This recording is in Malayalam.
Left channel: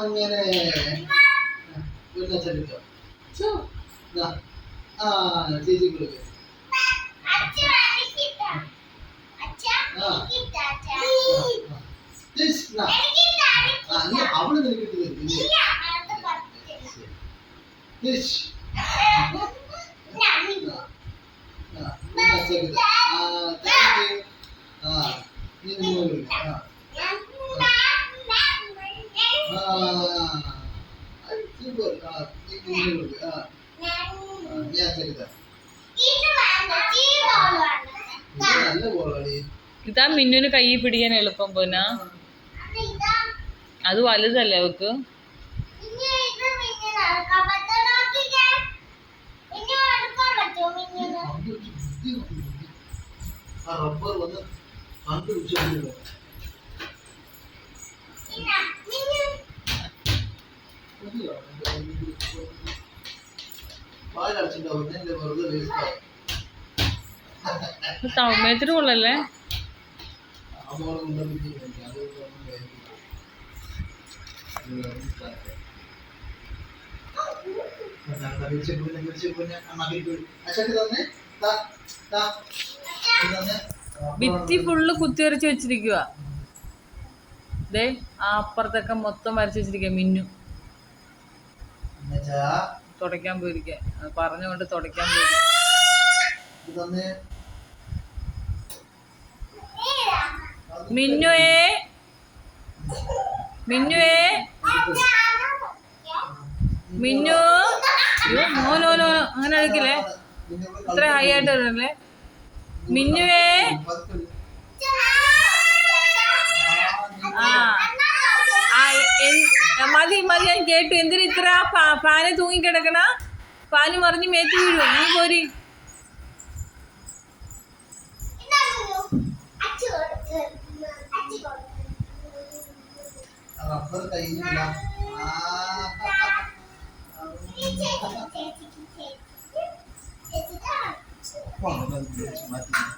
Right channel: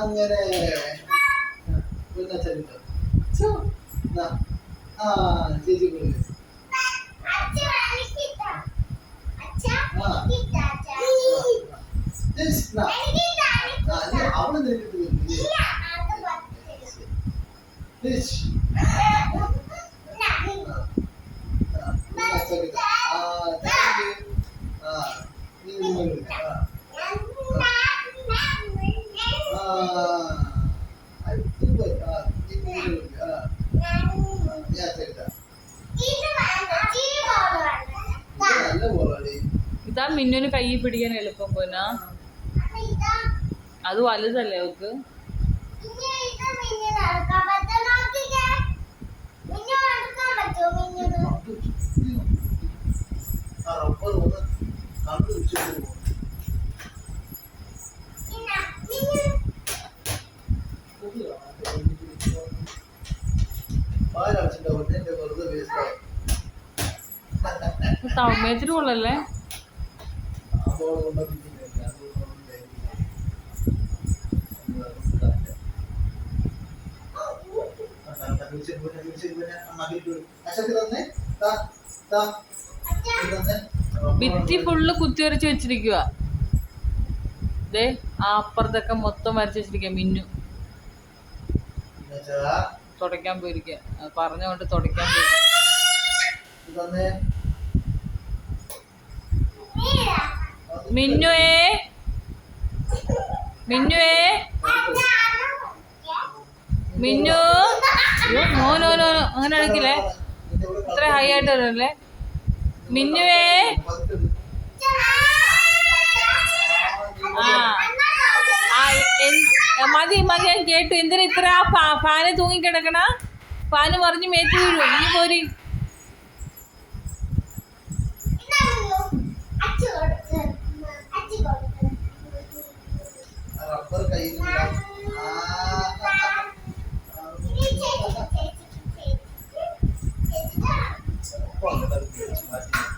അങ്ങനെ പിന്നെ അച്ഛ കിട്ടോ ഇതാ ആ ചേച്ചി കൊടുക്ക് ആ ചേച്ചി നാ ആ നീ അവൾ നിനക്ക് ഇട്ട് തരും ഇതാ മിന്നുന് കൈ പിടിക്കാൻ എളുപ്പം പൂന അത് വലുതല്ലേ അവക്ക്? ആ റബ്ബർ വന്ന് കണ്ടു പിടിച്ചു പാലടച്ചിട്ടോ എന്റെ വെറുതെ വേസ്റ്റ് സൗമ്യത്തിന് കൊള്ളല്ലേ? ഭിത്തി ഫുള്ള് കുത്തിവരച്ച് വെച്ചിരിക്കുക ദേ അപ്പുറത്തൊക്കെ മൊത്തം വരച്ച് വെച്ചിരിക്കുക മിന്നു. തുടയ്ക്കാൻ പോയിരിക്കുക പറഞ്ഞുകൊണ്ട് തുടയ്ക്കാൻ പോയിരിക്കുക ഇത് തന്നെ മിന്നുവേ. മിന്നുവേ. മിന്നു. No no no. അങ്ങനെ അടിക്കില്ലേ ഇത്ര ഹൈ ആയിട്ട് വരല്ലേ മിന്നുവേ. ആ. മതി മതി ഞാൻ കേട്ടു. എന്തിനാ ഇത്ര ഫാന് തൂങ്ങിക്കിടക്കണ? ഫാന് മറിഞ്ഞ് മേറ്റ് വീഴും നീ പോരി റബ്ബർ കയ്യിൽ നിന്ന് മാറ്റി